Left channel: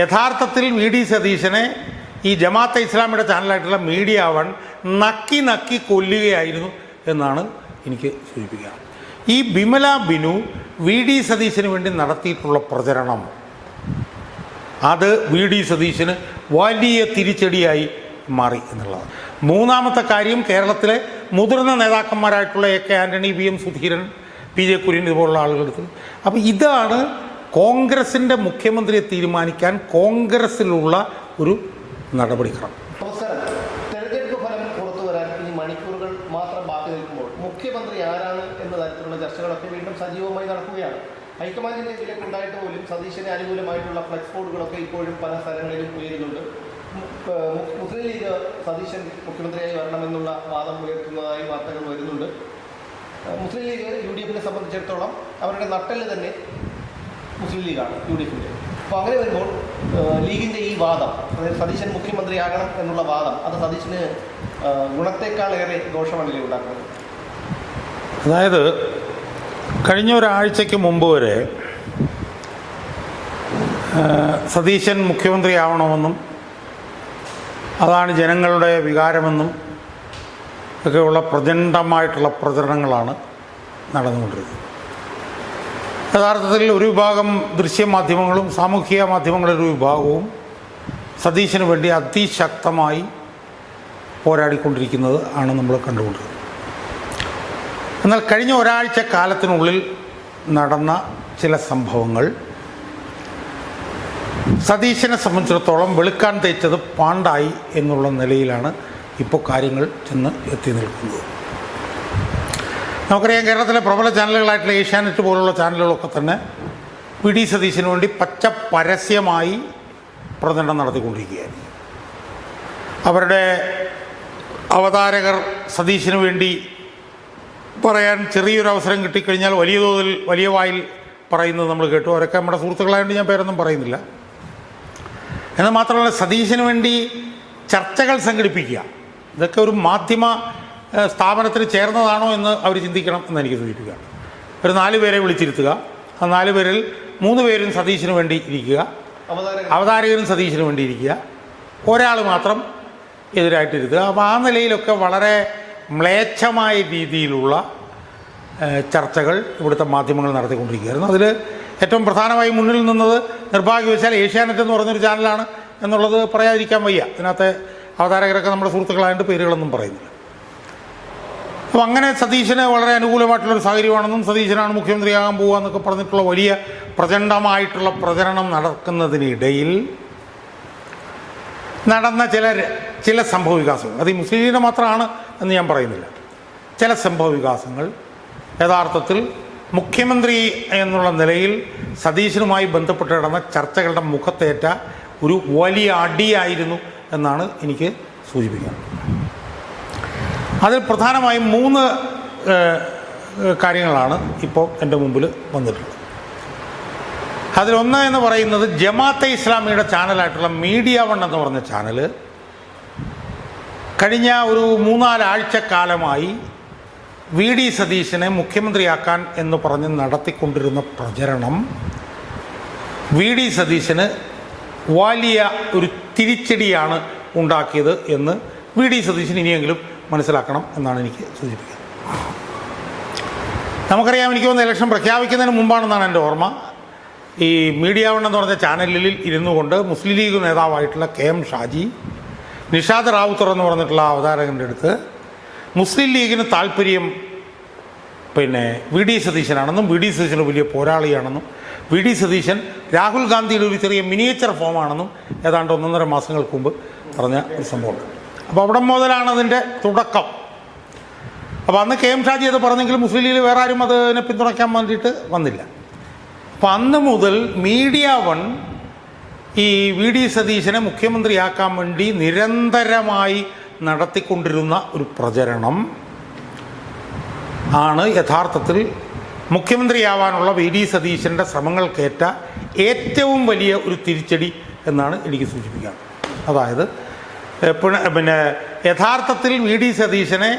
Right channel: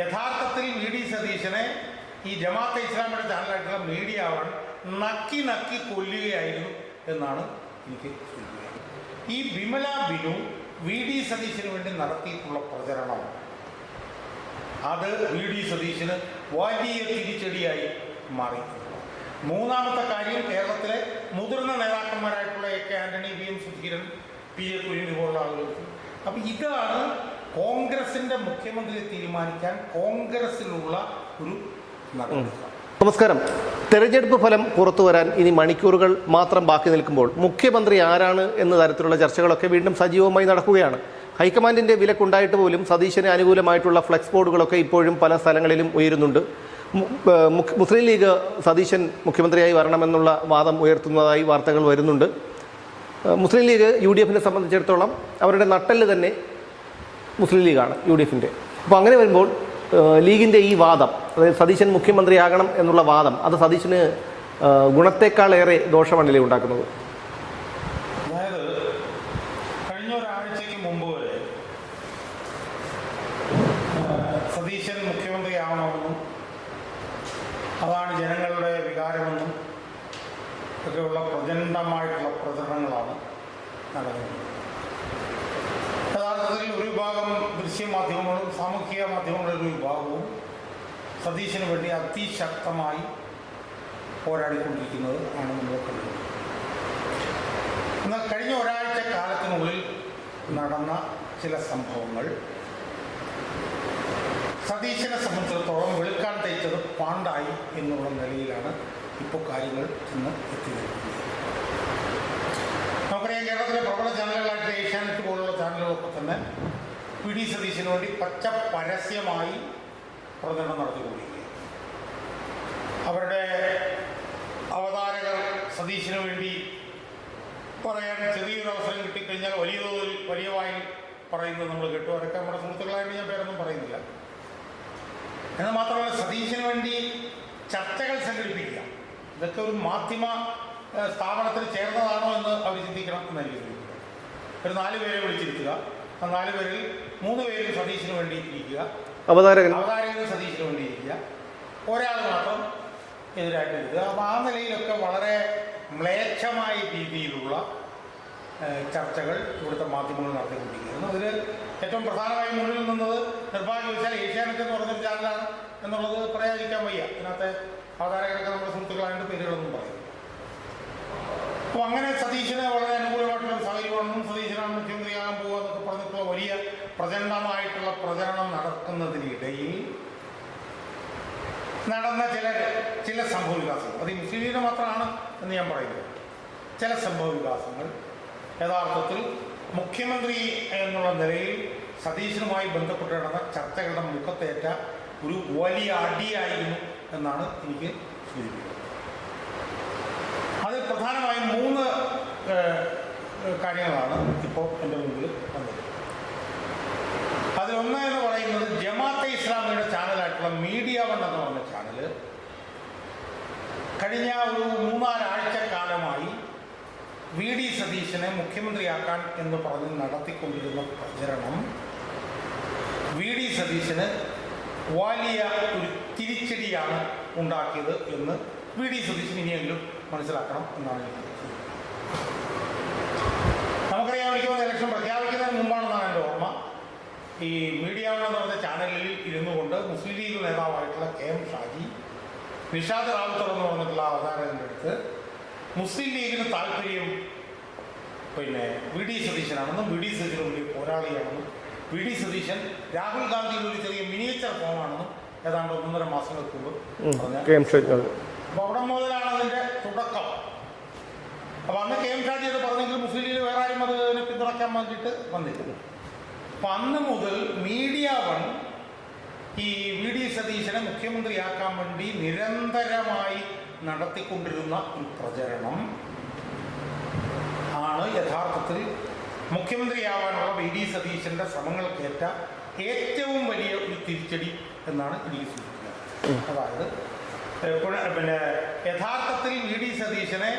യഥാർത്ഥത്തിൽ V D സതീശനെ ഈ ജമാഅത്തെ ഇസ്ലാമിയുടെ ചാനലായിട്ടുള്ള മീഡിയ വൺ നക്കി നക്കി കൊല്ലുകയായിരുന്നു എന്നാണ് എനിക്ക് സൂചിപ്പിക്കുക. ഈ ബിമല ബിനു വി ഡി സതീശന് വേണ്ടി നടത്തിയിട്ടുള്ള പ്രചരണം അത് വി ഡി സതീശന് വലിയ തിരിച്ചടിയായി മാറി എന്നുള്ളതാണ്. മൂന്നാമത്തെ കാര്യം, കേരളത്തിലെ മുതിർന്ന നേതാക്കന്മാരായിട്ടുള്ള A K Antony, V M Sudheeran, P J Kurien ഇതുപോലുള്ള ആളുകളെടുത്ത്. അപ്പോൾ ഇതാണ് കോൺഗ്രസിൻ്റെ മുഖ്യമന്ത്രിയെ തീരുമാനിക്കാൻ കോൺഗ്രസ്സിലുള്ള ഒരു നടപടിക്രമം. നമസ്കാരം. തെരഞ്ഞെടുപ്പ് ഫലം പുറത്തു വരാൻ ഇനി മണിക്കൂറുകൾ മാത്രം ബാക്കി നിൽക്കുമ്പോൾ മുഖ്യമന്ത്രി ആരാണ് എന്ന തരത്തിലുള്ള ചർച്ചകളൊക്കെ വീണ്ടും സജീവമായി നടക്കുകയാണ്. ഹൈക്കമാൻഡിൻ്റെ വിലക്കുണ്ടായിട്ട് പോലും സതീശന് അനുകൂലമായിട്ടുള്ള ഫ്ലെക്സ് ബോർഡുകളൊക്കെ ഇപ്പോഴും പല സ്ഥലങ്ങളിലും ഉയരുന്നുണ്ട്. മുസ്ലിം ലീഗ് സതീശൻ മുഖ്യമന്ത്രിയായി വരണമെന്നുള്ള വാദം ഉയർത്തുന്നതായി വാർത്തകൾ വരുന്നുണ്ട്. മുസ്ലിം ലീഗ് UDF-നെ സംബന്ധിച്ചിടത്തോളം അവരുടെ നട്ടെല്ല് തന്നെ മുസ്ലിം ലീഗാണ്, UDF-ൻ്റെ. അപ്പോൾ അങ്ങനെ വരുമ്പോൾ ലീഗിൻ്റെ ഈ വാദം, അതായത് സതീശൻ മുഖ്യമന്ത്രിയാകണം എന്നുള്ള വാദം, അത് സതീശന് ഗുണത്തേക്കാളേറെ ദോഷമണ്ഡലി ഉണ്ടാക്കുന്നത്. അതായത് കഴിഞ്ഞ ഒരാഴ്ചയ്ക്ക് മുമ്പ് വരെ സതീശൻ മുഖ്യമന്ത്രിയാവണമെന്നും അതാണ് ജനങ്ങളുടെ വികാരമെന്നും ഒക്കെയുള്ള പ്രചണ്ഡമായിട്ടുള്ള പ്രചരണങ്ങളാണ് നടന്നുകൊണ്ടിരുന്നത്. യഥാർത്ഥത്തിൽ ഒരു വിഭാഗം ദൃശ്യമാധ്യമങ്ങളും സാമൂഹിക മാധ്യമങ്ങളുടെ ഒരു വിഭാഗവും സതീശന് വേണ്ടി അതിശക്തമായി പോരാടിക്കൊണ്ടിരിക്കുന്നത് ആണ് നമ്മൾ കണ്ടുകൊണ്ടിരുന്നത്. എന്നാൽ കഴിഞ്ഞ ഒരാഴ്ച കാലത്തിനുള്ളിൽ നടന്ന ചില സംഭവങ്ങൾ സതീശനെ സംബന്ധിച്ചിടത്തോളം വെളുക്കാൻ തേച്ചത് പാണ്ടായി എന്നുള്ള നിലയിലാണ് ഇപ്പോൾ കാര്യങ്ങൾ ചെന്ന് എത്തി നിൽക്കുന്നത്. നമുക്കറിയാം, കേരളത്തിലെ പ്രബല ചാനലുകളായിട്ടുള്ള ഏഷ്യാനെറ്റ് പോലുള്ള ചാനലുകളൊക്കെ തന്നെ വി ഡി സതീശന് വേണ്ടി പച്ച പരസ്യമായി പ്രചരണം നടത്തിക്കൊണ്ടിരിക്കുകയാണ്. അവരുടെ അവതാരകർ സതീശന് വേണ്ടി പറയാൻ ചെറിയൊരു അവസരം കിട്ടിക്കഴിഞ്ഞാൽ വലിയ തോതിൽ വലിയ വായിൽ പറയുന്നത് നമ്മൾ കേട്ടു. അവരൊക്കെ നമ്മുടെ സുഹൃത്തുക്കളായതുകൊണ്ട് ഞാൻ പേരൊന്നും പറയുന്നില്ല. എന്നാൽ മാത്രമല്ല, സതീശന് വേണ്ടി ചർച്ചകൾ സംഘടിപ്പിക്കുക, ഇതൊക്കെ ഒരു മാധ്യമ സ്ഥാപനത്തിന് ചേർന്നതാണോ എന്ന് അവർ ചിന്തിക്കണം എന്ന് എനിക്ക് സൂചിപ്പിക്കുക. ഒരു 4 പേരെ വിളിച്ചിരുത്തുക, ആ 4 പേരിൽ 3 പേരും സതീശന് വേണ്ടി ഇരിക്കുക, അവതാരകരും സതീശന് വേണ്ടി ഇരിക്കുക, ഒരാൾ മാത്രം എതിരായിട്ടിരുത്തുക. അപ്പോൾ ആ നിലയിലൊക്കെ വളരെ മ്ലേച്ഛമായ രീതിയിലുള്ള ചർച്ചകൾ ഇവിടുത്തെ മാധ്യമങ്ങൾ നടത്തിക്കൊണ്ടിരിക്കുകയായിരുന്നു. അതിൽ ഏറ്റവും പ്രധാനമായി മുന്നിൽ നിന്നത് നിർഭാഗ്യവശാൽ ഏഷ്യാനെറ്റ് എന്ന് പറഞ്ഞൊരു ചാനലാണ് എന്നുള്ളത് പറയാതിരിക്കാൻ വയ്യ. ഇതിനകത്തെ അവതാരകരൊക്കെ നമ്മുടെ സുഹൃത്തുക്കളായതുകൊണ്ട് പേരുകളൊന്നും പറയുന്നില്ല. അപ്പോൾ അങ്ങനെ സതീശന് വളരെ അനുകൂലമായിട്ടുള്ളൊരു സാഹചര്യമാണെന്നും സതീശനാണ് മുഖ്യമന്ത്രിയാകാൻ പോകുക എന്നൊക്കെ പറഞ്ഞിട്ടുള്ള വലിയ പ്രചണ്ഡമായിട്ടുള്ള പ്രചരണം നടക്കുന്നതിനിടയിൽ നടന്ന ചില സംഭവ വികാസങ്ങൾ, അത് ഈ മുസ്ലിം ലീഗിൻ്റെ മാത്രമാണ് എന്ന് ഞാൻ പറയുന്നില്ല. ചില സംഭവ വികാസങ്ങൾ യഥാർത്ഥത്തിൽ മുഖ്യമന്ത്രി എന്നുള്ള നിലയിൽ സതീശനുമായി ബന്ധപ്പെട്ട് നടന്ന ചർച്ചകളുടെ മുഖത്തേറ്റ ഒരു വലിയ അടിയായിരുന്നു എന്നാണ് എനിക്ക് സൂചിപ്പിക്കുന്നത്. അതിൽ പ്രധാനമായും 3 കാര്യങ്ങളാണ് ഇപ്പോൾ എൻ്റെ മുമ്പിൽ വന്നിട്ടുള്ളത്. അതിലൊന്ന് എന്ന് പറയുന്നത്, ജമാഅത്തെ ഇസ്ലാമിയുടെ ചാനലായിട്ടുള്ള മീഡിയ വൺ എന്ന് പറഞ്ഞ ചാനൽ കഴിഞ്ഞ ഒരു 3-4 ആഴ്ചക്കാലമായി വി ഡി സതീശനെ മുഖ്യമന്ത്രിയാക്കാൻ എന്ന് പറഞ്ഞ് നടത്തിക്കൊണ്ടിരുന്ന പ്രചരണം വി ഡി സതീശന് വലിയ ഒരു തിരിച്ചടിയാണ് ഉണ്ടാക്കിയത് എന്ന് വി ഡി സതീശൻ ഇനിയെങ്കിലും മനസ്സിലാക്കണം എന്നാണ് എനിക്ക് സൂചിപ്പിക്കുന്നത്. നമുക്കറിയാം, എനിക്ക് തോന്നുന്ന ഇലക്ഷൻ പ്രഖ്യാപിക്കുന്നതിന് മുമ്പാണെന്നാണ് എൻ്റെ ഓർമ്മ, ഈ മീഡിയ വൺ എന്ന് പറഞ്ഞ ചാനലിൽ ഇരുന്നു കൊണ്ട് മുസ്ലിം ലീഗ് നേതാവായിട്ടുള്ള KM ഷാജി, നിഷാദ് റാവുത്തർ എന്ന് പറഞ്ഞിട്ടുള്ള അവതാരകൻ്റെ അടുത്ത് മുസ്ലിം ലീഗിന് താല്പര്യം വി ഡി സതീശനാണെന്നും വി ഡി സതീശൻ വലിയ പോരാളിയാണെന്നും വി ഡി സതീശൻ രാഹുൽ ഗാന്ധിയുടെ ഒരു ചെറിയ മിനിയേച്ചർ ഫോമാണെന്നും ഏതാണ്ട് 1.5 മാസങ്ങൾക്ക് മുമ്പ് പറഞ്ഞ സംഭവം. അപ്പോൾ അവിടെ മുതലാണ് അതിൻ്റെ തുടക്കം. അപ്പോൾ അന്ന് KM ഷാജി അത് പറഞ്ഞെങ്കിലും മുസ്ലിം ലീഗിൽ വേറെ ആരും അതിനെ പിന്തുണയ്ക്കാൻ വേണ്ടിയിട്ട് വന്നില്ല. അപ്പം അന്ന് മുതൽ മീഡിയ വൺ ഈ വി ഡി സതീശനെ മുഖ്യമന്ത്രിയാക്കാൻ വേണ്ടി നിരന്തരമായി നടത്തിക്കൊണ്ടിരുന്ന ഒരു പ്രചരണം ആണ് യഥാർത്ഥത്തിൽ മുഖ്യമന്ത്രിയാവാനുള്ള വി ഡി സതീശൻ്റെ ശ്രമങ്ങൾക്കേറ്റ ഏറ്റവും വലിയ ഒരു തിരിച്ചടി എന്നാണ് എനിക്ക് സൂചിപ്പിക്കാൻ. അതായത് യഥാർത്ഥത്തിൽ വി ഡി സതീശനെ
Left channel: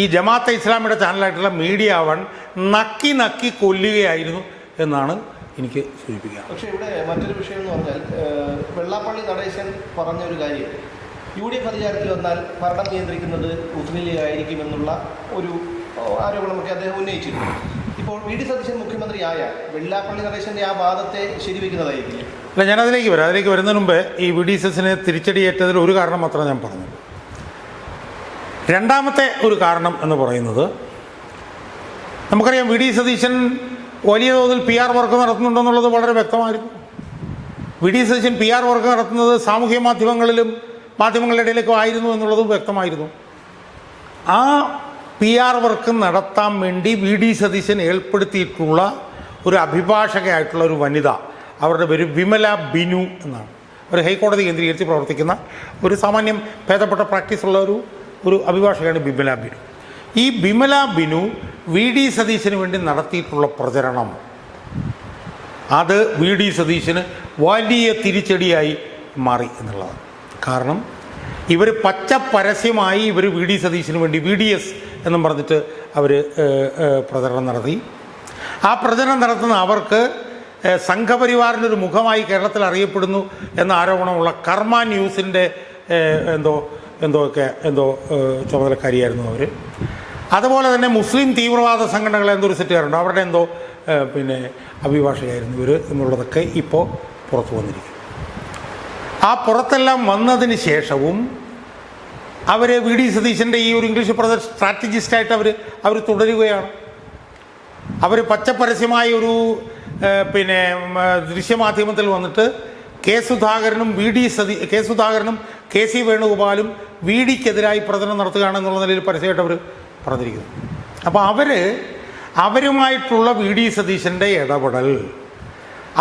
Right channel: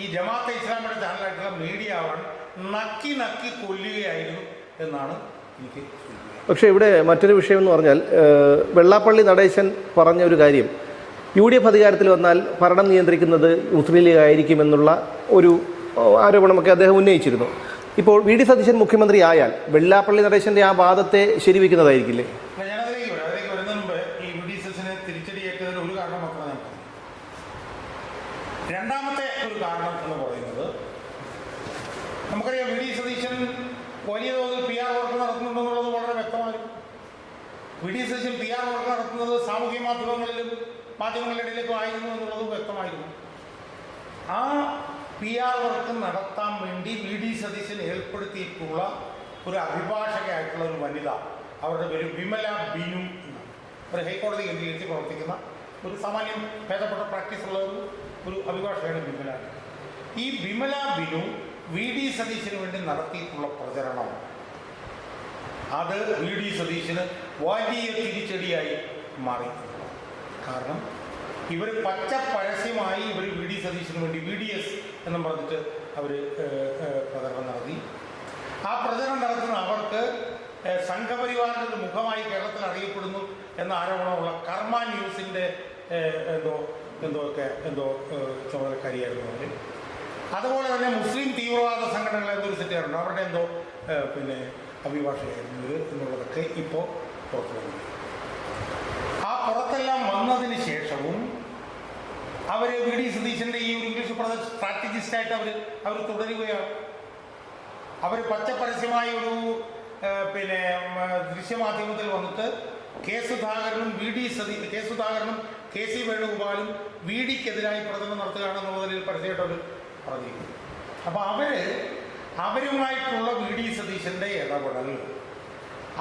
ഈ ജമാഅത്തെ ഇസ്ലാമിയുടെ ചാനലായിട്ടുള്ള മീഡിയ വൺ നക്കി നക്കി കൊല്ലുകയായിരുന്നു എന്നാണ് എനിക്ക് സൂചിപ്പിക്കാം. പക്ഷേ ഇവിടെ മറ്റൊരു വിഷയം എന്ന് പറഞ്ഞാൽ വെള്ളാപ്പള്ളി നടേശൻ പറഞ്ഞ ഒരു കാര്യം, UDF അധികാരത്തിൽ വന്നാൽ ഭരണം നിയന്ത്രിക്കുന്നത് മുസ്ലിം ലീഗ് ആയിരിക്കുമെന്നുള്ള ഒരു ആരോപണമൊക്കെ അദ്ദേഹം ഉന്നയിച്ചിരുന്നു. ഇപ്പോൾ VD സതീശൻ മുഖ്യമന്ത്രി ആയാൽ വെള്ളാപ്പള്ളി നടേശൻ്റെ ആ വാദത്തെ ശരിവെക്കുന്നതായിരിക്കില്ലേ? അല്ല, ഞാൻ അതിലേക്ക് വരുന്നതിന് മുമ്പേ ഈ VD സതീശന് തിരിച്ചടിയേറ്റതിൽ ഒരു കാരണം മാത്രമേ ഞാൻ പറഞ്ഞു. രണ്ടാമത്തെ ഒരു കാരണം എന്ന് പറയുന്നത്, നമുക്കറിയാം VD സതീശൻ വലിയ തോതിൽ PR വർക്ക് നടത്തുന്നുണ്ടെന്നുള്ളത് വളരെ വ്യക്തമായിരുന്നു. VD സതീശൻ PR വർക്ക് നടത്തുന്നത് സാമൂഹ്യ മാധ്യമങ്ങളുടെ ഇടയിലേക്കും ആയിരുന്നു എന്നുള്ളതും വ്യക്തമായിരുന്നു. ആ PR വർക്ക് നടത്താൻ വേണ്ടി VD സതീശൻ ഏർപ്പെടുത്തിയിട്ടുള്ള ഒരു അഭിഭാഷകയായിട്ടുള്ള ഒരു വനിത, അവരുടെ പേര് വിമല ബിനു എന്നാണ്. ഒരു ഹൈക്കോടതി കേന്ദ്രീകരിച്ച് പ്രവർത്തിക്കുന്ന ഒരു സാമാന്യം ഭേദപ്പെട്ട പ്രാക്ടീസുള്ള ഒരു അഭിഭാഷകയാണ് വിമല ബിനു. ഈ വിമല ബിനു VD സതീശന് വേണ്ടി നടത്തിയിട്ടുള്ള പ്രചരണം, അത് VD സതീശന് വലിയ തിരിച്ചടിയായി മാറി എന്നുള്ളതാണ്. കാരണം ഇവർ പച്ച പരസ്യമായി VD സതീശന് വേണ്ടി VDS എന്നും പറഞ്ഞിട്ട് അവർ പ്രചരണം നടത്തി. ആ പ്രചരണം നടത്തുന്ന അവർക്ക് സംഘപരിവാറിൻ്റെ ഒരു മുഖമായി കേരളത്തിൽ അറിയപ്പെടുന്നു എന്ന ആരോപണമുള്ള കർമ്മ ന്യൂസിൻ്റെ എന്തോ ചുമതലക്കാരിയായിരുന്നു അവർ. അതുപോലെ തന്നെ മുസ്ലിം തീവ്രവാദ സംഘടനകളെ എന്തോ ഒരു സെറ്റുകാരുണ്ട്, അവരുടെ അഭിഭാഷകയായിരുന്നു ഇവർ എന്നുള്ളതൊക്കെ ഇപ്പോൾ പുറത്തു വന്നിരിക്കും. ആ പുറത്തെല്ലാം വന്നതിന് ശേഷവും അവർ VD സതീശൻ്റെ ഈ ഒരു ഇംഗ്ലീഷ് സ്ട്രാറ്റജിസ്റ്റായിട്ട് അവർ തുടരുകയാണ്. അവർ പച്ചപ്പരസ്യമായ ഒരു ദൃശ്യമാധ്യമത്തിൽ വന്നിട്ട് കെ സുധാകരനും KC വേണുഗോപാലും VDക്കെതിരായി പ്രചരണം നടത്തുകയാണെന്നുള്ള നിലയിൽ പരസ്യമായിട്ട് അവർ പറഞ്ഞിരിക്കുന്നു. അപ്പോൾ അവരുമായിട്ടുള്ള VD സതീശൻ്റെ ഇടപെടൽ,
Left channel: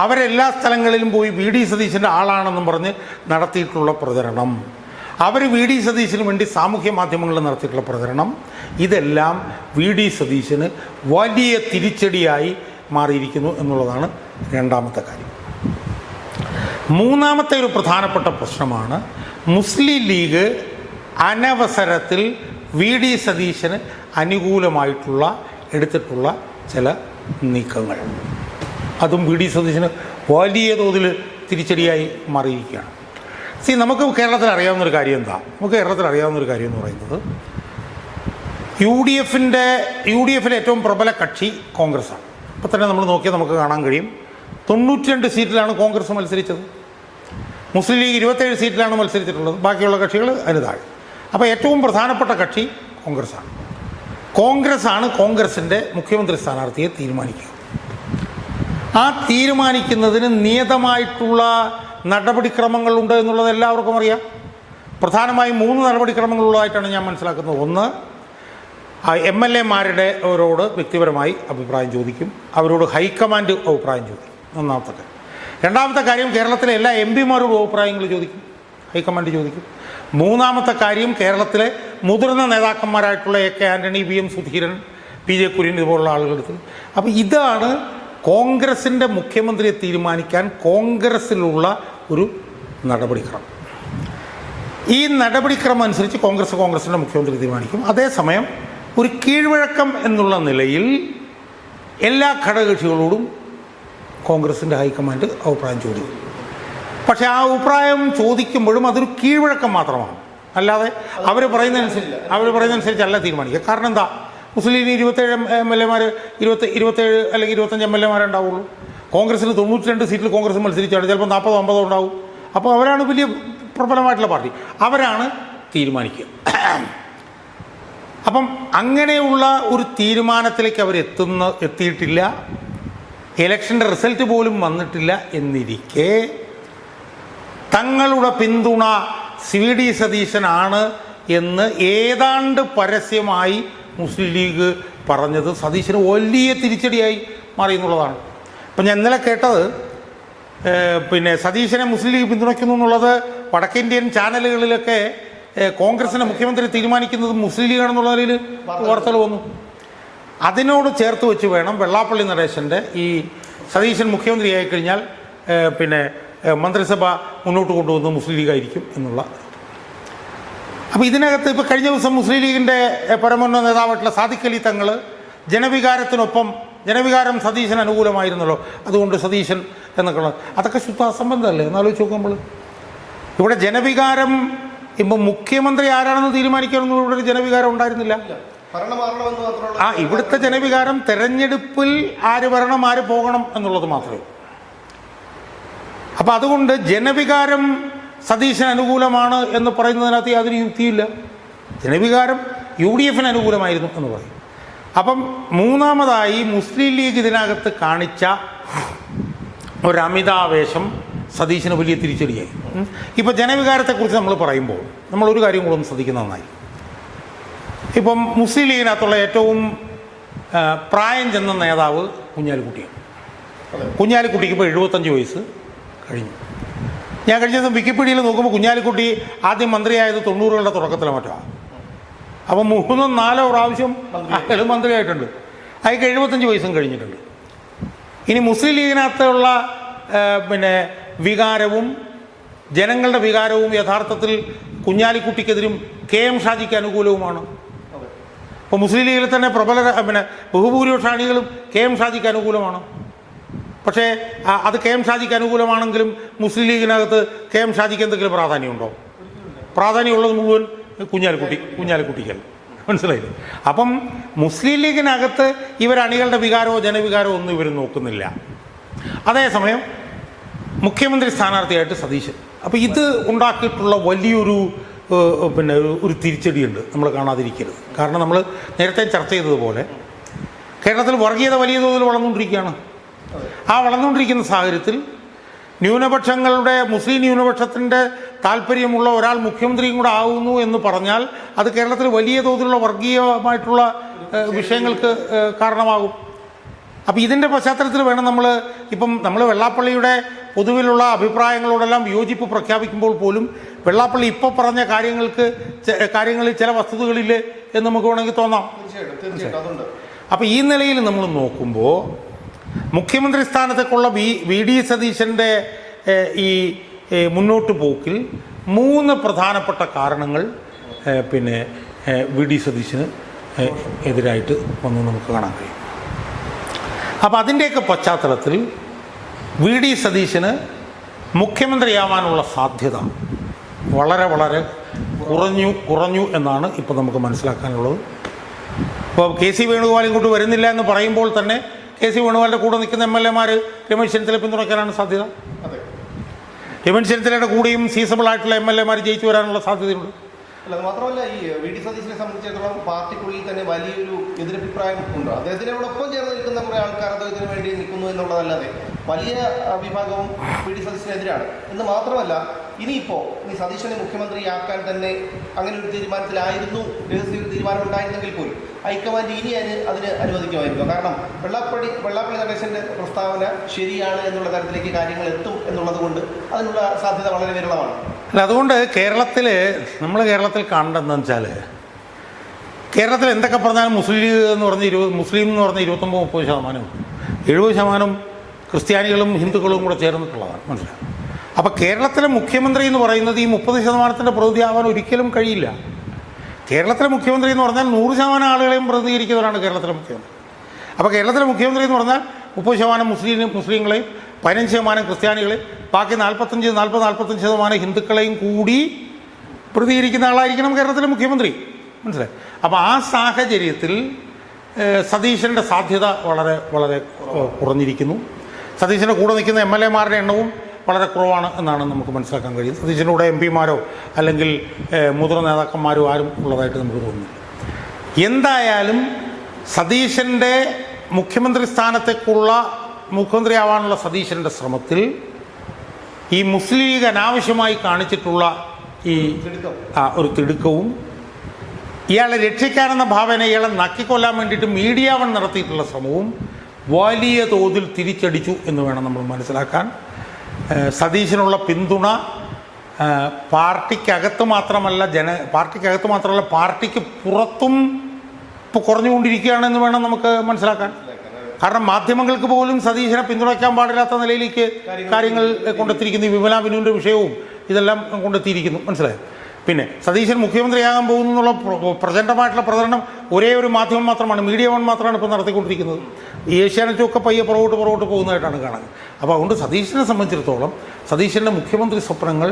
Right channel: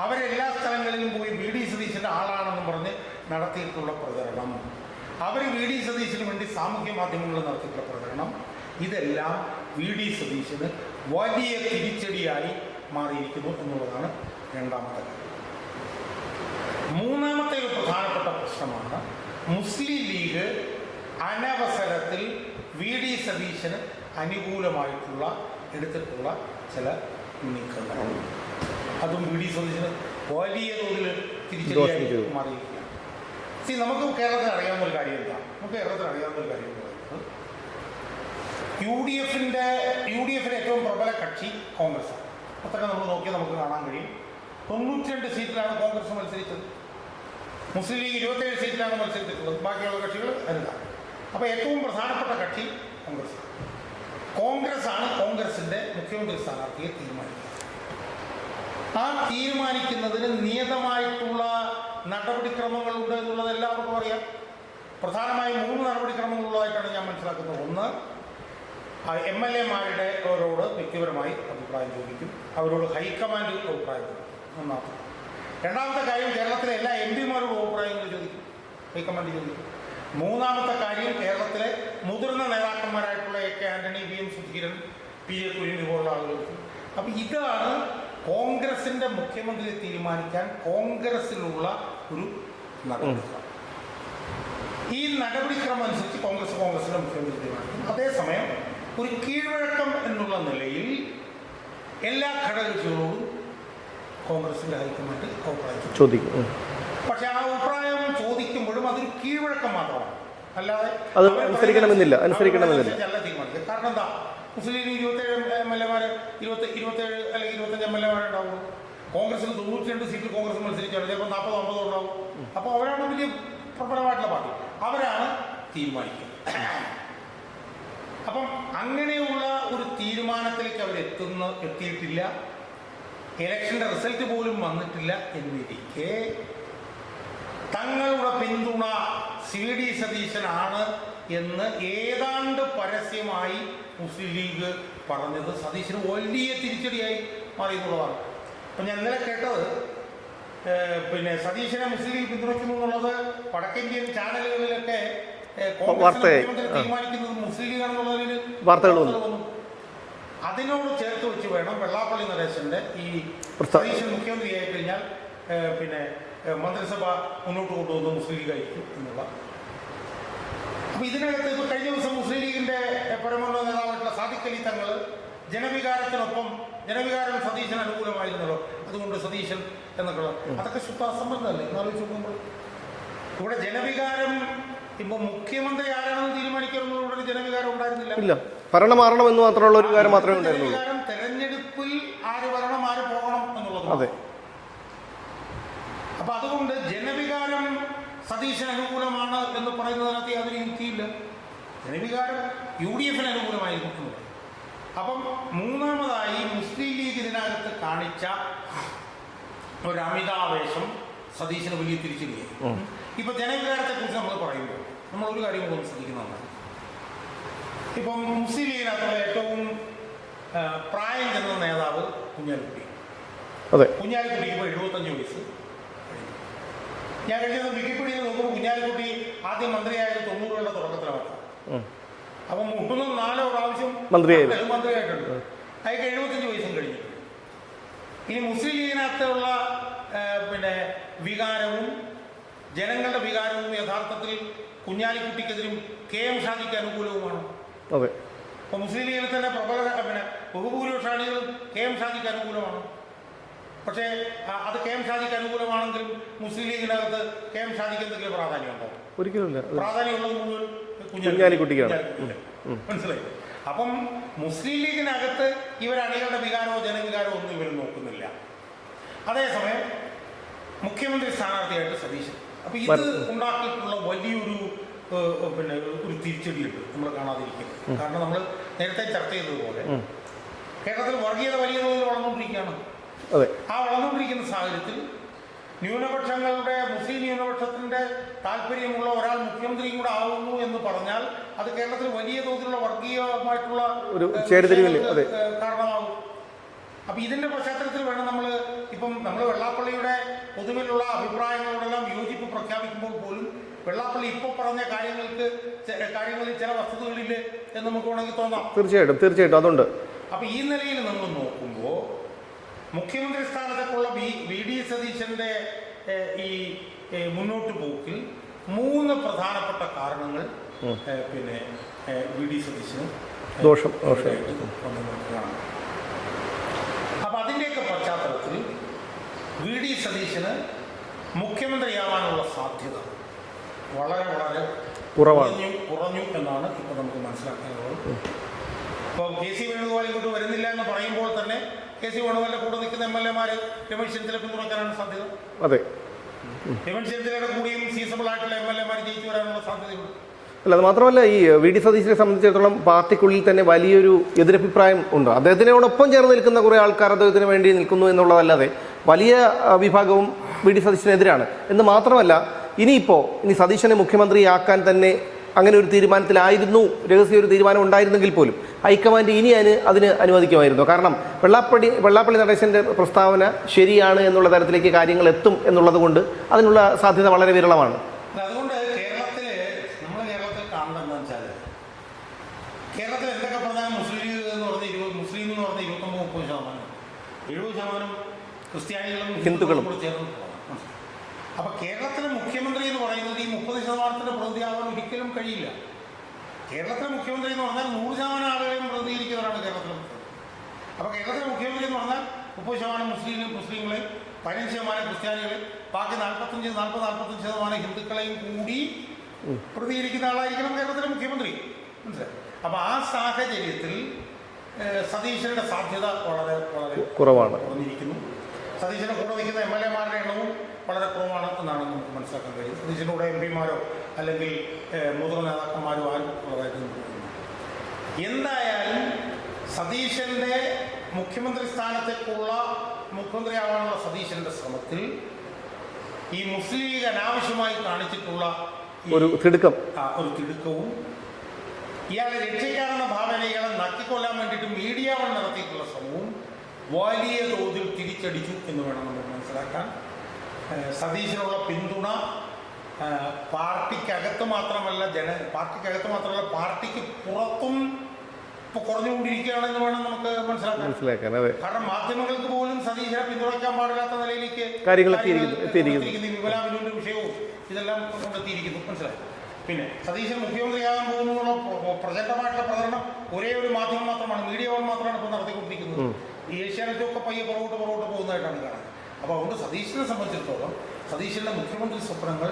അവരെല്ലാ സ്ഥലങ്ങളിലും പോയി VD സതീശൻ്റെ ആളാണെന്നും പറഞ്ഞ് നടത്തിയിട്ടുള്ള പ്രചരണം, അവർ VD സതീശന് വേണ്ടി സാമൂഹ്യ മാധ്യമങ്ങളിൽ നടത്തിയിട്ടുള്ള പ്രചരണം, ഇതെല്ലാം VD സതീശന് വലിയ തിരിച്ചടിയായി മാറിയിരിക്കുന്നു എന്നുള്ളതാണ് രണ്ടാമത്തെ കാര്യം. മൂന്നാമത്തെ ഒരു പ്രധാനപ്പെട്ട പ്രശ്നമാണ് മുസ്ലിം ലീഗ് അനവസരത്തിൽ VD സതീശന് അനുകൂലമായിട്ടുള്ള എടുത്തിട്ടുള്ള ചില നീക്കങ്ങൾ. അതും VD സതീശന് വലിയ തോതിൽ തിരിച്ചടിയായി മാറിയിരിക്കുകയാണ്. നമുക്ക് കേരളത്തിൽ അറിയാവുന്നൊരു കാര്യം എന്താ? അറിയാവുന്നൊരു കാര്യം എന്ന് പറയുന്നത്, UDFിലെ ഏറ്റവും പ്രബല കക്ഷി കോൺഗ്രസ്സാണ്. ഇപ്പോൾ തന്നെ നമ്മൾ നോക്കിയാൽ നമുക്ക് കാണാൻ കഴിയും, 92 സീറ്റിലാണ് കോൺഗ്രസ് മത്സരിച്ചത്. മുസ്ലിം ലീഗ് 27 സീറ്റിലാണ് മത്സരിച്ചിട്ടുള്ളത്, ബാക്കിയുള്ള കക്ഷികൾ അതിന് താഴെ. അപ്പോൾ ഏറ്റവും പ്രധാനപ്പെട്ട കക്ഷി കോൺഗ്രസ്സാണ് കോൺഗ്രസിൻ്റെ മുഖ്യമന്ത്രി സ്ഥാനാർത്ഥിയെ തീരുമാനിക്കുക. ആ തീരുമാനിക്കുന്നതിന് നിയതമായിട്ടുള്ള നടപടിക്രമങ്ങളുണ്ട് എന്നുള്ളത് എല്ലാവർക്കും അറിയാം. പ്രധാനമായും 3 നടപടിക്രമങ്ങളുള്ളതായിട്ടാണ് ഞാൻ മനസ്സിലാക്കുന്നത്. ഒന്ന്, MLA-മാരോട് വ്യക്തിപരമായി അഭിപ്രായം ചോദിക്കും, അവരോട് ഹൈക്കമാൻഡ് അഭിപ്രായം ചോദിക്കും, ഒന്നാമത്തെ കാര്യം. രണ്ടാമത്തെ കാര്യം, കേരളത്തിലെ എല്ലാ MP-മാരോടും അഭിപ്രായങ്ങൾ ചോദിക്കും, ഹൈക്കമാൻഡ് ചോദിക്കും. മൂന്നാമത്തെ കാര്യം, കേരളത്തിലെ മുതിർന്ന നേതാക്കന്മാരായിട്ടുള്ള AK Antony, VM Sudheeran, PJ Kurian ഇതുപോലുള്ള ആളുകളെടുത്ത്. അപ്പോൾ ഇതാണ് കോൺഗ്രസിൻ്റെ മുഖ്യമന്ത്രിയെ തീരുമാനിക്കാൻ കോൺഗ്രസ്സിലുള്ള ഒരു നടപടിക്രമം. ഈ നടപടിക്രമം അനുസരിച്ച് കോൺഗ്രസിൻ്റെ മുഖ്യമന്ത്രി തീരുമാനിക്കും. അതേസമയം ഒരു കീഴ്വഴക്കം എന്നുള്ള നിലയിൽ എല്ലാ ഘടകകക്ഷികളോടും കോൺഗ്രസിൻ്റെ ഹൈക്കമാൻഡ് അഭിപ്രായം ചോദിക്കും. പക്ഷേ ആ അഭിപ്രായം ചോദിക്കുമ്പോഴും അതൊരു കീഴ്വഴക്കം മാത്രമാണ്, അല്ലാതെ അവർ പറയുന്നതനുസരിച്ചല്ല തീരുമാനിക്കുക. കാരണം എന്താ? മുസ്ലിം ലീഗിന് 27 MLA-മാർ 27 അല്ലെങ്കിൽ 25 MLA-മാരെ ഉണ്ടാവുള്ളൂ. കോൺഗ്രസിന് 92 സീറ്റിൽ കോൺഗ്രസ് മത്സരിച്ചാണ്, ചിലപ്പോൾ 40-50 ഉണ്ടാവും. അപ്പോൾ അവരാണ് വലിയ പ്രബലമായിട്ടുള്ള പാർട്ടി, അവരാണ് തീരുമാനിക്കുക. അപ്പം അങ്ങനെയുള്ള ഒരു തീരുമാനത്തിലേക്ക് അവർ എത്തിയിട്ടില്ല. ഇലക്ഷൻ്റെ റിസൾട്ട് പോലും വന്നിട്ടില്ല എന്നിരിക്കെ തങ്ങളുടെ പിന്തുണ VD സതീശനാണ് എന്ന് ഏതാണ്ട് പരസ്യമായി മുസ്ലിം ലീഗ് പറഞ്ഞത് സതീശന് വലിയ തിരിച്ചടിയായി മാറി എന്നുള്ളതാണ്. അപ്പം ഞാൻ ഇന്നലെ കേട്ടത്, സതീശനെ മുസ്ലിം ലീഗ് പിന്തുണയ്ക്കുന്നു എന്നുള്ളത് വടക്കേന്ത്യൻ ചാനലുകളിലൊക്കെ കോൺഗ്രസിനെ മുഖ്യമന്ത്രി തീരുമാനിക്കുന്നത് മുസ്ലിം ലീഗാണെന്നുള്ള നിലയിൽ വാർത്തകൾ വന്നു. അതിനോട് ചേർത്ത് വെച്ച് വേണം വെള്ളാപ്പള്ളി നടേശൻ്റെ ഈ സതീശൻ മുഖ്യമന്ത്രി ആയിക്കഴിഞ്ഞാൽ മന്ത്രിസഭ മുന്നോട്ട് കൊണ്ടുവന്നത് മുസ്ലിം ലീഗായിരിക്കും എന്നുള്ള. അപ്പോൾ ഇതിനകത്ത് കഴിഞ്ഞ ദിവസം മുസ്ലിം ലീഗിൻ്റെ പരമോന്നത നേതാവായിട്ടുള്ള സാദിഖ് അലി തങ്ങൾ ജനവികാരത്തിനൊപ്പം ജനവികാരം സതീശന് അനുകൂലമായിരുന്നല്ലോ, അതുകൊണ്ട് സതീശൻ എന്നൊക്കെ അതൊക്കെ ശുദ്ധ അസംബന്ധമല്ലേ? എന്നാലോചിച്ച് നോക്കും നമ്മൾ. ഇവിടെ ജനവികാരം ഇപ്പം മുഖ്യമന്ത്രി ആരാണെന്ന് തീരുമാനിക്കാനൊന്നും ഇവിടെ ഒരു ജനവികാരം ഉണ്ടായിരുന്നില്ല. ഭരണം മാറണമെന്ന് മാത്രമുള്ള ഇവിടുത്തെ ജനവികാരം തെരഞ്ഞെടുപ്പിൽ ആര് വരണം ആര് പോകണം എന്നുള്ളത് മാത്രമേ. അപ്പം അതുകൊണ്ട് ജനവികാരം സതീശന് അനുകൂലമാണ് എന്ന് പറയുന്നതിനകത്ത് യാതൊരു യുക്തിയില്ല. ജനവികാരം UDF അനുകൂലമായിരുന്നു എന്ന് പറയും. അപ്പം മൂന്നാമതായി മുസ്ലിം ലീഗ് ഇതിനകത്ത് കാണിച്ച ഒരു അമിതാവേശം സതീശന് വലിയ തിരിച്ചടിയായി. ഇപ്പം ജനവികാരത്തെക്കുറിച്ച് നമ്മൾ പറയുമ്പോൾ നമ്മളൊരു കാര്യം കൂടെ ഒന്ന് ശ്രദ്ധിക്കുന്നത് നന്നായി. ഇപ്പം മുസ്ലിം ലീഗിനകത്തുള്ള ഏറ്റവും പ്രായം ചെന്ന നേതാവ് കുഞ്ഞാലിക്കുട്ടിയാണ്. അതെ, കുഞ്ഞാലിക്കുട്ടിക്ക് ഇപ്പോൾ 75 വയസ്സ് കഴിഞ്ഞു. ഞാൻ കഴിഞ്ഞ ദിവസം വിക്കിപീഡിയയിൽ നോക്കുമ്പോൾ കുഞ്ഞാലിക്കുട്ടി ആദ്യം മന്ത്രിയായത് 90കളുടെ തുടക്കത്തിലെ മറ്റാണ്. അപ്പം 3-4 പ്രാവശ്യം മന്ത്രിയായിട്ടുണ്ട്. അയാൾക്ക് 75 വയസ്സും കഴിഞ്ഞിട്ടുണ്ട്. ഇനി മുസ്ലിം ലീഗിനകത്തുള്ള വികാരവും ജനങ്ങളുടെ വികാരവും യഥാർത്ഥത്തിൽ കുഞ്ഞാലിക്കുട്ടിക്കെതിരും KM ഷാജിക്ക് അനുകൂലവുമാണ്. അതെ, ഇപ്പോൾ മുസ്ലിം ലീഗിൽ തന്നെ പ്രബല ബഹുഭൂരിപക്ഷ അണികളും KM ഷാജിക്ക് അനുകൂലമാണ്. പക്ഷേ അത് KM ഷാജിക്ക് അനുകൂലമാണെങ്കിലും മുസ്ലിം ലീഗിനകത്ത് KM ഷാജിക്ക് എന്തെങ്കിലും പ്രാധാന്യമുണ്ടോ? ഒരിക്കലുമില്ല. പ്രാധാന്യമുള്ളത് മുഴുവൻ കുഞ്ഞാലിക്കുട്ടിക്കല്ല. മനസ്സിലായില്ലേ? അപ്പം മുസ്ലിം ലീഗിനകത്ത് ഇവരണികളുടെ വികാരമോ ജനവികാരമോ ഒന്നും ഇവർ നോക്കുന്നില്ല. അതേസമയം മുഖ്യമന്ത്രി സ്ഥാനാർത്ഥിയായിട്ട് സതീശൻ. അപ്പോൾ ഇത് ഉണ്ടാക്കിയിട്ടുള്ള വലിയൊരു ഒരു തിരിച്ചടിയുണ്ട്, നമ്മൾ കാണാതിരിക്കരുത്. കാരണം നമ്മൾ നേരത്തെ ചർച്ച ചെയ്തതുപോലെ കേരളത്തിൽ വർഗീയത വലിയ തോതിൽ വളർന്നുകൊണ്ടിരിക്കുകയാണ്. ആ വളർന്നുകൊണ്ടിരിക്കുന്ന സാഹചര്യത്തിൽ മുസ്ലിം ന്യൂനപക്ഷത്തിൻ്റെ താല്പര്യമുള്ള ഒരാൾ മുഖ്യമന്ത്രിയും കൂടെ ആകുന്നു എന്ന് പറഞ്ഞാൽ അത് കേരളത്തിൽ വലിയ തോതിലുള്ള വർഗീയമായിട്ടുള്ള വിഷയങ്ങൾക്ക് കാരണമാകും. അപ്പം ഇതിൻ്റെ പശ്ചാത്തലത്തിൽ വേണം നമ്മൾ വെള്ളാപ്പള്ളിയുടെ പൊതുവിലുള്ള അഭിപ്രായങ്ങളോടെല്ലാം വിയോജിപ്പ് പ്രഖ്യാപിക്കുമ്പോൾ പോലും വെള്ളാപ്പള്ളി ഇപ്പോൾ പറഞ്ഞ കാര്യങ്ങളിൽ ചില വസ്തുതകളിൽ എന്ന് നമുക്ക് വേണമെങ്കിൽ തോന്നാം. തീർച്ചയായിട്ടും അതുണ്ട്. അപ്പോൾ ഈ നിലയിൽ നമ്മൾ നോക്കുമ്പോൾ മുഖ്യമന്ത്രി സ്ഥാനത്തേക്കുള്ള VD സതീശൻ്റെ ഈ മുന്നോട്ട് പോക്കിൽ 3 പ്രധാനപ്പെട്ട കാരണങ്ങൾ VD സതീശന് എതിരായിട്ട് വന്ന് നമുക്ക് കാണാൻ കഴിയും. അപ്പോൾ അതിൻ്റെയൊക്കെ പശ്ചാത്തലത്തിൽ VD സതീശന് മുഖ്യമന്ത്രിയാവാനുള്ള സാധ്യത വളരെ വളരെ കുറഞ്ഞു എന്നാണ് ഇപ്പോൾ നമുക്ക് മനസ്സിലാക്കാനുള്ളത്. ഇപ്പോൾ KC വേണുഗോപാൽ ഇങ്ങോട്ട് വരുന്നില്ല എന്ന് പറയുമ്പോൾ തന്നെ KC വേണുഗോപാലിൻ്റെ കൂടെ നിൽക്കുന്ന MLA മാർ രമേശ് ചെന്നിത്തല പിന്തുണയ്ക്കാനാണ് സാധ്യത. അതെ, രമേശ് ചെന്നിത്തലയുടെ കൂടെയും സീസബിൾ ആയിട്ടുള്ള MLA മാർ ജയിച്ചു വരാനുള്ള സാധ്യതയുണ്ട്. അല്ല, അത് മാത്രമല്ല ഈ VD സതീശനെ സംബന്ധിച്ചിടത്തോളം പാർട്ടിക്കുള്ളിൽ തന്നെ വലിയൊരു എതിരഭിപ്രായം ഉണ്ട്. അദ്ദേഹത്തിനോടൊപ്പം ചേർന്ന് നിൽക്കുന്ന കുറേ ആൾക്കാർ അദ്ദേഹത്തിന് വേണ്ടി നിൽക്കുന്നു എന്നുള്ളതല്ലാതെ വലിയ വിഭാഗവും VD സതീശനെതിരാണ്. എന്ന് മാത്രമല്ല ഇനി സതീശനെ മുഖ്യമന്ത്രിയാക്കാൻ തന്നെ അങ്ങനെ ഒരു തീരുമാനത്തിലായിരുന്നു, രഹസ്യ ഒരു തീരുമാനം ഉണ്ടായിരുന്നെങ്കിൽ പോലും ഹൈക്കമാൻഡ് ഇനി അതിന് അനുവദിക്കുമായിരുന്നു. കാരണം വെള്ളാപ്പള്ളി നടേശൻ്റെ പ്രസ്താവന ശരിയാണ് എന്നുള്ള തരത്തിലേക്ക് കാര്യങ്ങൾ എത്തും എന്നുള്ളത് കൊണ്ട് അതിനുള്ള സാധ്യത വളരെ വിരളമാണ്. അല്ല, അതുകൊണ്ട് നമ്മൾ കേരളത്തിൽ കാണേണ്ടതെന്ന് വെച്ചാൽ കേരളത്തിൽ എന്തൊക്കെ പറഞ്ഞാലും മുസ്ലിം എന്ന് പറഞ്ഞ് 29-30%, 70% ക്രിസ്ത്യാനികളും ഹിന്ദുക്കളും കൂടെ ചേർന്നിട്ടുള്ളതാണ്. മനസ്സിലായി? അപ്പോൾ കേരളത്തിലെ മുഖ്യമന്ത്രി എന്ന് പറയുന്നത് ഈ 30%-ൻ്റെ പ്രതിനിധിയാവാൻ ഒരിക്കലും കഴിയില്ല. കേരളത്തിലെ മുഖ്യമന്ത്രി എന്ന് പറഞ്ഞാൽ 100% ആളുകളെയും പ്രതിനിധീകരിക്കുന്നവരാണ് കേരളത്തിലെ മുഖ്യമന്ത്രി. അപ്പോൾ കേരളത്തിലെ മുഖ്യമന്ത്രി എന്ന് പറഞ്ഞാൽ 30% മുസ്ലിങ്ങളെയും 15% ക്രിസ്ത്യാനികളെയും ബാക്കി 40-45% ഹിന്ദുക്കളെയും കൂടി പ്രതികരിക്കുന്ന ആളായിരിക്കണം കേരളത്തിലെ മുഖ്യമന്ത്രി. മനസ്സിലായി? അപ്പോൾ ആ സാഹചര്യത്തിൽ സതീശൻ്റെ സാധ്യത വളരെ വളരെ കുറഞ്ഞിരിക്കുന്നു. സതീശൻ്റെ കൂടെ നിൽക്കുന്ന MLA-മാരുടെ എണ്ണവും വളരെ കുറവാണ് എന്നാണ് നമുക്ക് മനസ്സിലാക്കാൻ കഴിയും. സതീശൻ്റെ കൂടെ MP-മാരോ അല്ലെങ്കിൽ മുതിർന്ന നേതാക്കന്മാരോ ആരും ഉള്ളതായിട്ട് നമുക്ക് തോന്നുന്നു. എന്തായാലും സതീശൻ്റെ മുഖ്യമന്ത്രിയാവാനുള്ള സതീശൻ്റെ ശ്രമത്തിൽ ഈ മുസ്ലിം ലീഗ് അനാവശ്യമായി കാണിച്ചിട്ടുള്ള ഒരു തിടുക്കവും ഇയാളെ രക്ഷിക്കാനെന്ന ഭാവന ഇയാളെ നക്കിക്കൊല്ലാൻ വേണ്ടിയിട്ട് മീഡിയ വൺ നടത്തിയിട്ടുള്ള ശ്രമവും വലിയ തോതിൽ തിരിച്ചടിച്ചു എന്ന് വേണം നമ്മൾ മനസ്സിലാക്കാൻ. സതീശനുള്ള പിന്തുണ പാർട്ടിക്കകത്ത് മാത്രമല്ല പാർട്ടിക്ക് പുറത്തും ഇപ്പോൾ കുറഞ്ഞുകൊണ്ടിരിക്കുകയാണെന്ന് വേണം നമുക്ക് മനസ്സിലാക്കാൻ. കാരണം മാധ്യമങ്ങൾക്ക് പോലും സതീശനെ പിന്തുണയ്ക്കാൻ പാടില്ലാത്ത നിലയിലേക്ക് കാര്യങ്ങൾ കൊണ്ടെത്തിയിരിക്കുന്നു. വിമല ബിനുവിൻ്റെ വിഷയവും ഇതെല്ലാം കൊണ്ടെത്തിയിരിക്കുന്നു. മനസ്സിലായി? പിന്നെ സതീശൻ മുഖ്യമന്ത്രിയാകാൻ പോകുന്നു എന്നുള്ള പ്രചണ്ഡമായിട്ടുള്ള പ്രചരണം ഒരേ ഒരു മാധ്യമം മാത്രമാണ്, മീഡിയ വൺ മാത്രമാണ് ഇപ്പോൾ നടത്തിക്കൊണ്ടിരിക്കുന്നത്. ഈ ഏഷ്യാനെറ്റൊക്കെ പയ്യെ പുറകോട്ട് പോകുന്നതായിട്ടാണ് കാണുന്നത്. അപ്പോൾ അതുകൊണ്ട് സതീശനെ സംബന്ധിച്ചിടത്തോളം സതീശൻ്റെ മുഖ്യമന്ത്രി സ്വപ്നങ്ങൾ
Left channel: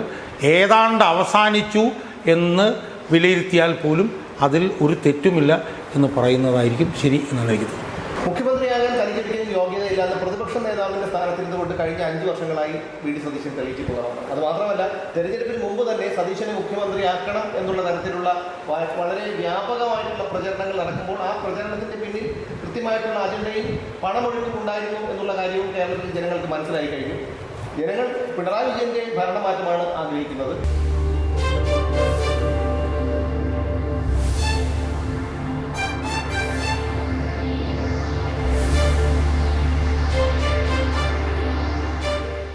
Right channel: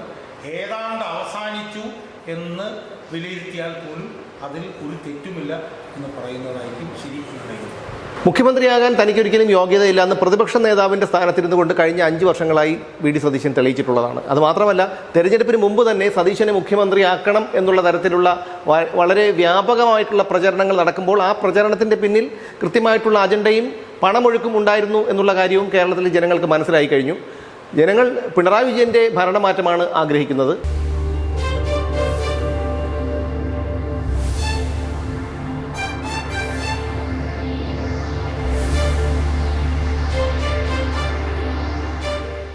ഏതാണ്ട് അവസാനിച്ചു എന്ന് വിലയിരുത്തിയാൽ പോലും അതിൽ ഒരു തെറ്റുമില്ല എന്ന് പറയുന്നതായിരിക്കും ശരി എന്നാണ് എനിക്ക് തോന്നുന്നത്. മുഖ്യമന്ത്രിയാകാൻ തനിക്കൊരിക്കലും യോഗ്യതയില്ല എന്ന് പ്രതിപക്ഷ നേതാവിൻ്റെ സ്ഥാനത്തിരുന്നു കൊണ്ട് കഴിഞ്ഞ 5 വർഷങ്ങളായി വി.ഡി. സതീശൻ തെളിയിച്ചിട്ടുള്ളതാണ്. അതുമാത്രമല്ല, തെരഞ്ഞെടുപ്പിന് മുമ്പ് തന്നെ സതീശനെ മുഖ്യമന്ത്രിയാക്കണം എന്നുള്ള തരത്തിലുള്ള വളരെ വ്യാപകമായിട്ടുള്ള പ്രചരണങ്ങൾ നടക്കുമ്പോൾ ആ പ്രചരണത്തിൻ്റെ പിന്നിൽ കൃത്യമായിട്ടുള്ള അജണ്ടയും പണമൊഴുക്കും ഉണ്ടായിരുന്നു എന്നുള്ള കാര്യവും കേരളത്തിലെ ജനങ്ങൾക്ക് മനസ്സിലായി കഴിഞ്ഞു. ജനങ്ങൾ പിണറായി വിജയൻ്റെ ഭരണമാറ്റമാണ് ആഗ്രഹിക്കുന്നത്.